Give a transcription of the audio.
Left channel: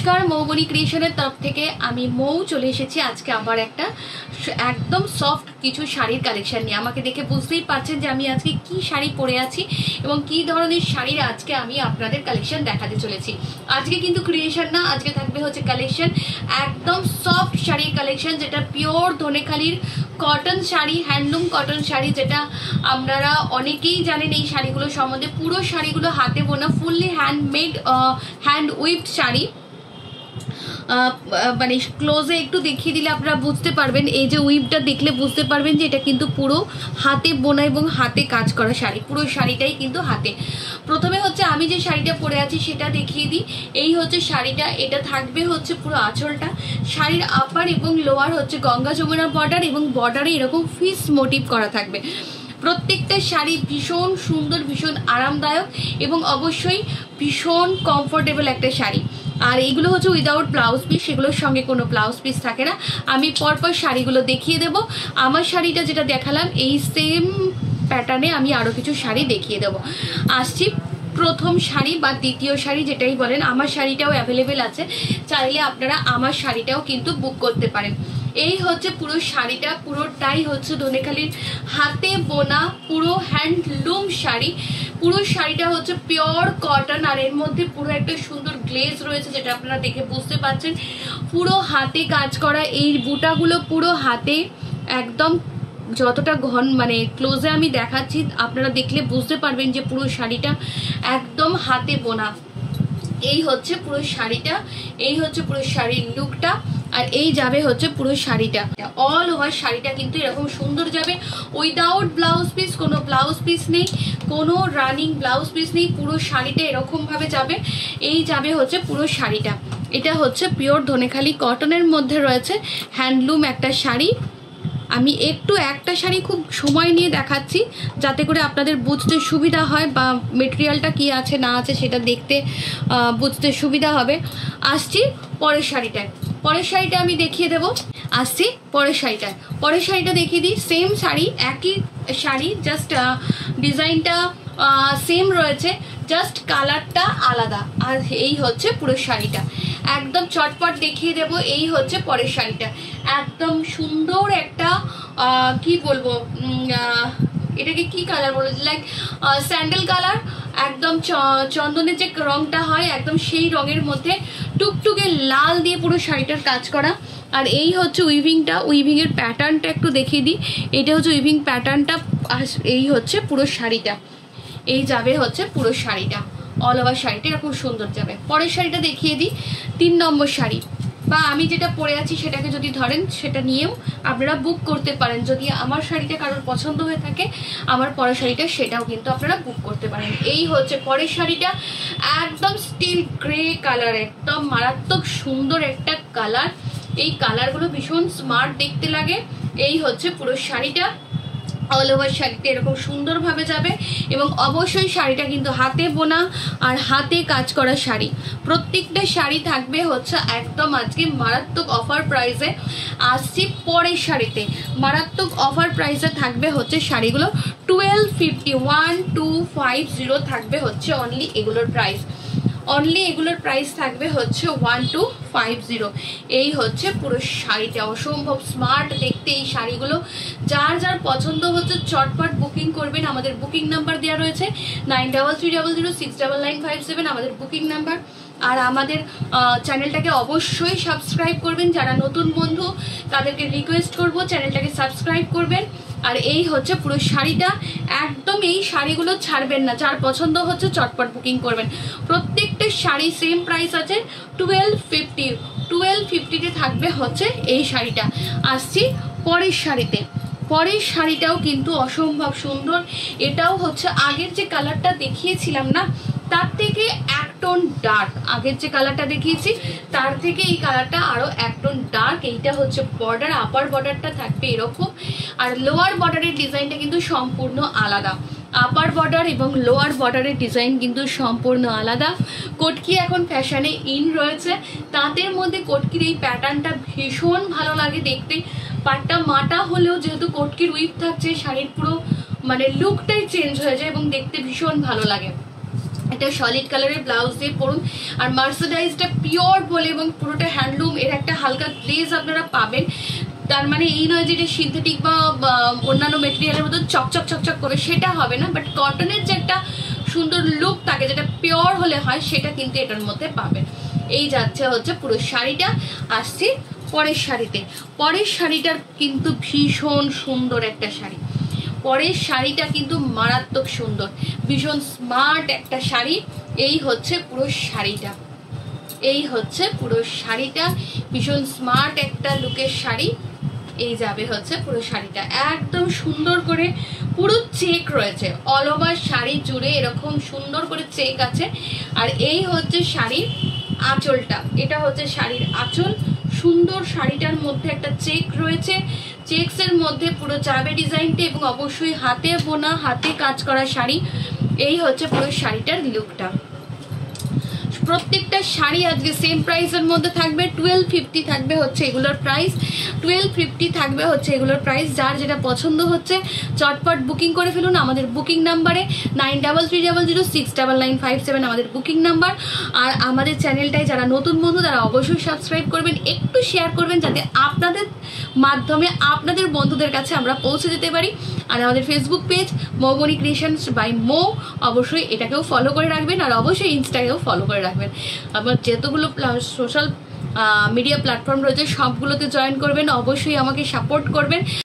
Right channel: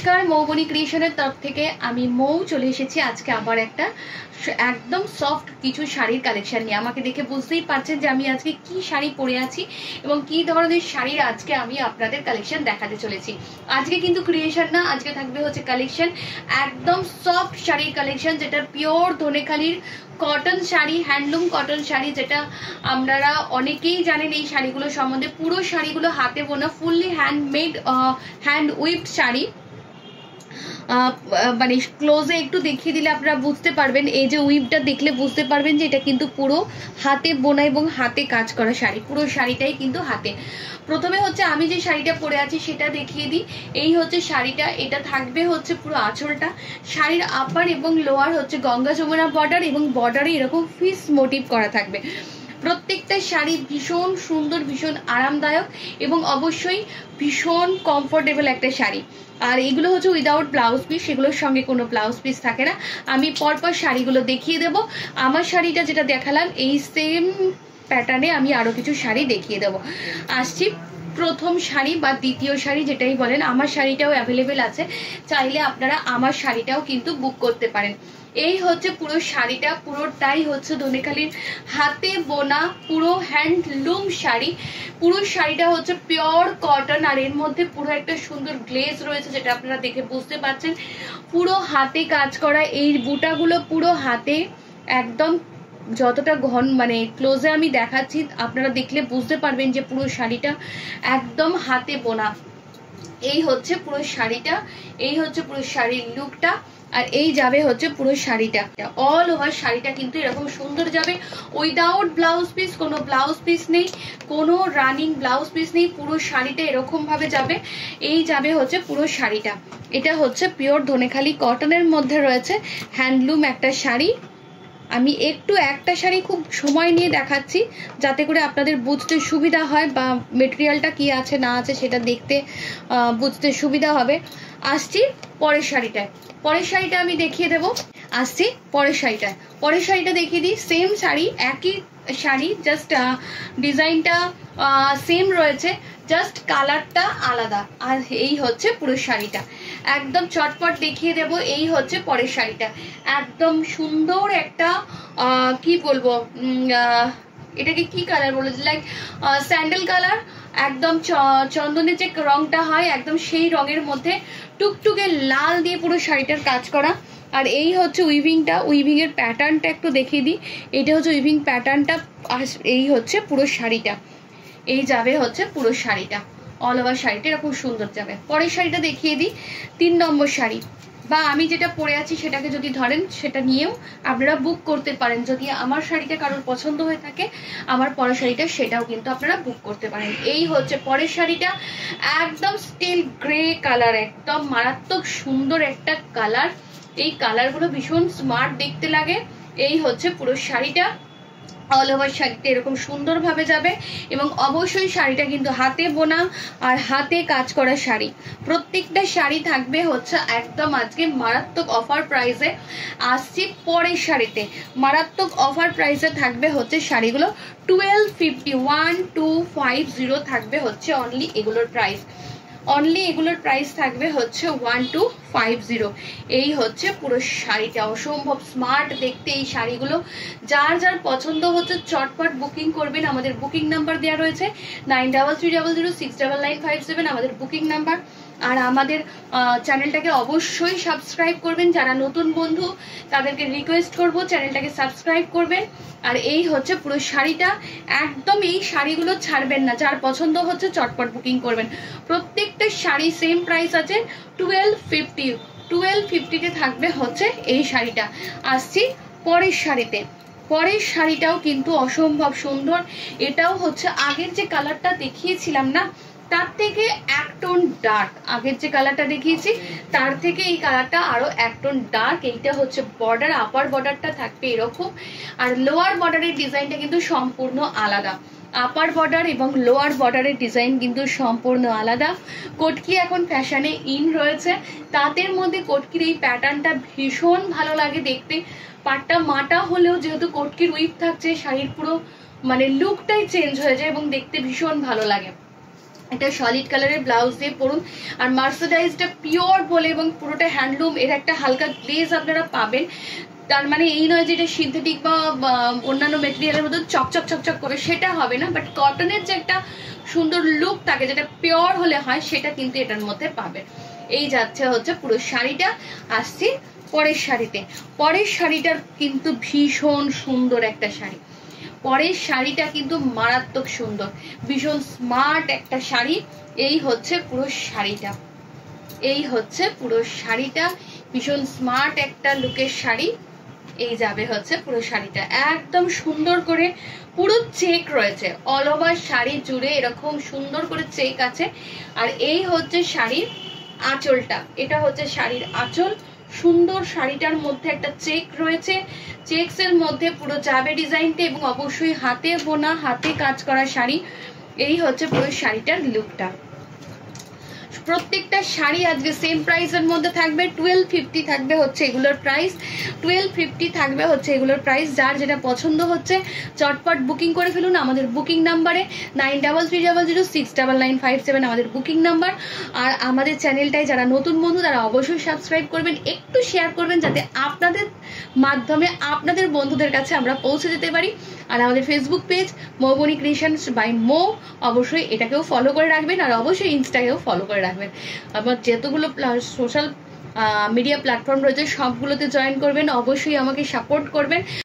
नमस्कार मौबनी क्रिएशनेर तरफ थेके आमी मौ चले एसेछि आजके आबार एकटा एकदम सफ्ट किछु शाड़ीर कालेक्शन निये। आमाके देखे बुझतेई पारछेन जे आमी आजके कि शाड़ी परे आछि एबं कि धरनेर शाड़ीर आजके आमी आपनादेर कालेक्शन देखाते चलेछि। आजके किन्तु क्रिएशन ना, आजके थाकबे होच्छे कालेक्शन एकदम सफ्ट शाड़ीर कालेक्शन, जेटा पियोर धनेखालिर कटन शाड़ी, हैंडलूम कटन शाड़ी, जेटा आपनारा अनेकेई जानेन এই শাড়িগুলো সম্বন্ধে। পুরো শাড়িগুলো হাতে বোনা, ফুললি হ্যান্ডমেড, হ্যান্ড উইভড শাড়ি। মানে ক্লোজে একটু দেখিয়ে দিলে আপনারা বুঝতে পারবেন, এই যে উইভটা দেখলে বুঝতে পারবেন যে এটা কিন্তু পুরো হাতে বোনা এবং হাতে কাজ করা শাড়ি। পুরো শাড়িটাই কিন্তু হাতে। প্রথমে হচ্ছে আমি যে শাড়িটা পরে আছি সেটা দেখিয়ে দিই। এই হচ্ছে শাড়িটা, এটা থাকবে হচ্ছে পুরো আঁচলটা। শাড়ির আপার এবং লোয়ার হচ্ছে গঙ্গা যমুনা বর্ডার এবং বর্ডারে এরকম ফিস মোটিভ করা থাকবে। প্রত্যেকটা শাড়ি ভীষণ সুন্দর, ভীষণ আরামদায়ক এবং অবশ্যই ভীষণ কমফোর্টেবল একটা শাড়ি। আর এইগুলো হচ্ছে উইদাউট ব্লাউজ পিস, সেগুলোর সঙ্গে কোনো ব্লাউজ পিস থাকে না। আমি পরপর শাড়িগুলো দেখিয়ে দেব। আমার শাড়িটা যেটা দেখালাম এই সেম প্যাটার্নে আমি আরও কিছু শাড়ি দেখিয়ে দেব। আসছি প্রথম শাড়ি বা দ্বিতীয় শাড়ি যেটাই বলেন, আমার শাড়িটাও অ্যাভেলেবেল আছে, চাইলে আপনারা আমার শাড়িটাও কিন্তু বুক করতে পারেন। এই হচ্ছে পুরো শাড়িটা, পুরোটাই হচ্ছে ধনেখালির হাতে বোনা পুরো হ্যান্ডলুম শাড়ি। পুরো শাড়িটা হচ্ছে পিওর কটন, আর এর মধ্যে পুরো একটা সুন্দর গ্লেজ রয়েছে যেটা আপনারা দেখে বুঝতে পারছেন। পুরো হাতে কাজ করা, এই বুটাগুলো পুরো হাতে একদম যতটা ঘন মানে ক্লোজে আমি দেখাচ্ছি, আপনারা দেখলে বুঝতে পারবেন যে পুরো শাড়িটা একদম হাতে বোনা। এই হচ্ছে পুরো শাড়িটা, এই হচ্ছে পুরো শাড়ির লুকটা, আর এই যাবে হচ্ছে পুরো শাড়িটা। অল ওভার শাড়িটা কিন্তু এরকম সুন্দর যাবে, উইদাউট ব্লাউজ পিস, কোনো ব্লাউজ পিস নেই, কোনো রানিং ব্লাউজ পিস নেই। পুরো শাড়িটা এরকম ভাবে যাবে। এই যাবে হচ্ছে পুরো শাড়িটা। এটা হচ্ছে পিওর ধনেখালি কটনের মধ্যে রয়েছে হ্যান্ডলুম একটা শাড়ি। আমি একটু একটা শাড়ি খুব সময় নিয়ে দেখাচ্ছি যাতে করে আপনাদের বুঝতে সুবিধা হয় বা মেটেরিয়ালটা কি আছে না আছে সেটা দেখতে বুঝতে সুবিধা হবে। আসছি পরের শাড়িটায়। পরের শাড়িটা আমি দেখিয়ে দেব। আসছি পরের শাড়িটায়। পরের শাড়িটা দেখিয়ে দিই। সেম শাড়ি, একই শাড়ি, জাস্ট ডিজাইনটা সেম রয়েছে, জাস্ট কালারটা আলাদা। আর এই হচ্ছে পুরো শাড়িটা, একদম চটপট দেখিয়ে দেব। এই হচ্ছে পরের শাড়িটা, একদম সুন্দর একটা কি বলবো, এটাকে কি কালার বলে, লাইক স্যান্ডেল কালার, একদম চন্দনের যে রংটা হয় একদম সেই রঙের মধ্যে টুকটুকে লাল দিয়ে পুরো শাড়িটার কাজ করা। আর এই হচ্ছে উইভিংটা, উইভিংয়ের প্যাটার্নটা একটু দেখিয়ে দিই। এটা হচ্ছে উইভিং প্যাটার্নটা, আর এই হচ্ছে পুরো শাড়িটা। এই যাবে হচ্ছে পুরো শাড়িটা, অল ওভার শাড়িটা এরকম সুন্দর যাবে। পরের শাড়িটা দেখিয়ে দিই, 3 নম্বর শাড়ি, বা আমি যেটা পরে আছি সেটাকে যদি ধরেন সেটা নিয়েও আপনারা বুক করতে পারেন। যদি আমার শাড়িটা কারোর পছন্দ হয়ে থাকে, আমার পরের শাড়িটা সেটাও কিন্তু আপনারা বুক করতে পারেন। এই হচ্ছে পরের শাড়িটা, একদম স্টিল গ্রে কালার, একদম মারাত্মক সুন্দর একটা কালার। এই কালারগুলো ভীষণ স্মার্ট দেখতে লাগে। এই হচ্ছে পুরো শাড়িটা, অল ওভার শাড়িটা এরকম সুন্দরভাবে যাবে এবং অবশ্যই শাড়িটা কিন্তু হাতে বোনা আর হাতে কাজ করা শাড়ি। প্রত্যেকটা শাড়ি থাকবে হচ্ছে একদম আজকে মারাত্মক অফার প্রাইসে। আসছি পরের শাড়িতে, মারাত্মক অফার প্রাইসে থাকবে হচ্ছে শাড়িগুলো 1250, 1250 থাকবে হচ্ছে অনলি এগুলোর প্রাইস। অনলি এগুলোর প্রাইস থাকবে হচ্ছে 1250। এই হচ্ছে পুরো শাড়িটা, অসম্ভব স্মার্ট দেখতে এই শাড়িগুলো। যার যার পছন্দ হচ্ছে চটপট বুকিং করবেন। আমাদের বুকিং নাম্বার দেওয়া রয়েছে 9330069957, আমাদের বুকিং নাম্বার। আর আমাদের চ্যানেলটাকে অবশ্যই সাবস্ক্রাইব করবেন। যারা নতুন বন্ধু তাদেরকে রিকোয়েস্ট করব চ্যানেলটাকে সাবস্ক্রাইব করবেন। আর এই হচ্ছে পুরো শাড়িটা, একদম এই শাড়িগুলো ছাড়বেন না। যার পছন্দ হচ্ছে চটপট বুকিং করবেন। প্রত্যেকটা শাড়ি সেম প্রাইস আছে 1250। 1250-তে থাকবে হচ্ছে এই শাড়িটা। আসছি পরের শাড়িতে। পরের শাড়িটাও কিন্তু অসম্ভব সুন্দর। এটাও হচ্ছে আগের যে কালারটা দেখিয়েছিলাম না তার থেকে এক টোন ডার্ক। আগের যে কালারটা দেখিয়েছি তার থেকে এই কালারটা আরো এক টোন ডার্ক। এইটা হচ্ছে বর্ডার, আপার বর্ডারটা থাকবে এরকম, আর লোয়ার বর্ডারের ডিজাইনটা কিন্তু সম্পূর্ণ আলাদা। আপার বর্ডার এবং লোয়ার বর্ডারের ডিজাইন কিন্তু সম্পূর্ণ আলাদা। কটকি এখন ফ্যাশনে ইন রয়েছে, তাদের মধ্যে কটকির এই প্যাটার্নটা ভীষণ ভালো লাগে দেখতে। পাটটা মাটা হলেও যেহেতু কটকির উইভ থাকছে, শাড়ির পুরো মানে লুকটাই চেঞ্জ হয়ে যায় এবং দেখতে ভীষণ ভালো লাগে। এটা সলিড কালারের ব্লাউজ দিয়ে পরুন। আর মার্সারাইজটা পিওর বলে এবং পুরোটা হ্যান্ডলুম, এর একটা হালকা গ্লেজ আপনারা পাবেন। তার মানে এই নয় যে এটা সিনথেটিক বা অন্যান্য মেটেরিয়ালের মতো চকচক চকচক করে, সেটা হবে না। বাট কটনের যে একটা সুন্দর লুক থাকে যেটা পিওর হলে হয়, সেটা কিন্তু এটার মধ্যে পাবেন। এই যাচ্ছে হচ্ছে পুরো শাড়িটা। আসছি পরের শাড়িতে। পরের শাড়িটার কিন্তু ভীষণ সুন্দর একটা শাড়ি। পরের শাড়িটা কিন্তু মারাত্মক সুন্দর, ভীষণ স্মার্ট একটা শাড়ি। এই হচ্ছে পুরো শাড়িটা, এই হচ্ছে পুরো শাড়িটা, ভীষণ স্মার্ট একটা লুকের শাড়ি। এই যাবে হচ্ছে পুরো শাড়িটা, একদম সুন্দর করে পুরো চেক রয়েছে, অল ওভার শাড়ি জুড়ে এরকম সুন্দর করে চেক আছে। আর এই হচ্ছে শাড়ির আঁচলটা, এটা হচ্ছে শাড়ির আঁচল। সুন্দর শাড়িটার মধ্যে একটা চেক রয়েছে, চেকসের মধ্যে পুরো যাবে ডিজাইনটা, এবং অবশ্যই হাতে বোনা হাতে কাজ করা শাড়ি। এই হচ্ছে পুরো শাড়িটার লুকটা। প্রত্যেকটা শাড়ি আজকে সেম প্রাইসের মধ্যে থাকবে, 1250 থাকবে হচ্ছে এগুলোর প্রাইস, 1250 থাকবে হচ্ছে এগুলোর প্রাইস। যার যেটা পছন্দ হচ্ছে চটপট বুকিং করে ফেলুন আমাদের বুকিং নাম্বারে 9330069957 আমাদের বুকিং নাম্বার। আর আমাদের চ্যানেলটায় যারা নতুন বন্ধু তারা অবশ্যই সাবস্ক্রাইব করবেন, একটু শেয়ার করবেন যাতে আপনাদের মাধ্যমে আপনাদের বন্ধুদের কাছে আমরা পৌঁছে যেতে পারি। আর আমাদের Facebook page Moubani creations by Mou, অবশ্যই এটাকেও ফলো করে রাখবেন, আর অবশ্যই ইনস্টাকেও ফলো করে রাখবেন। আবার যেতগুলো সোশ্যাল মিডিয়া প্ল্যাটফর্ম রয়েছে সবগুলোতে জয়েন করবেন, অবশ্যই আমাকে সাপোর্ট করবেন।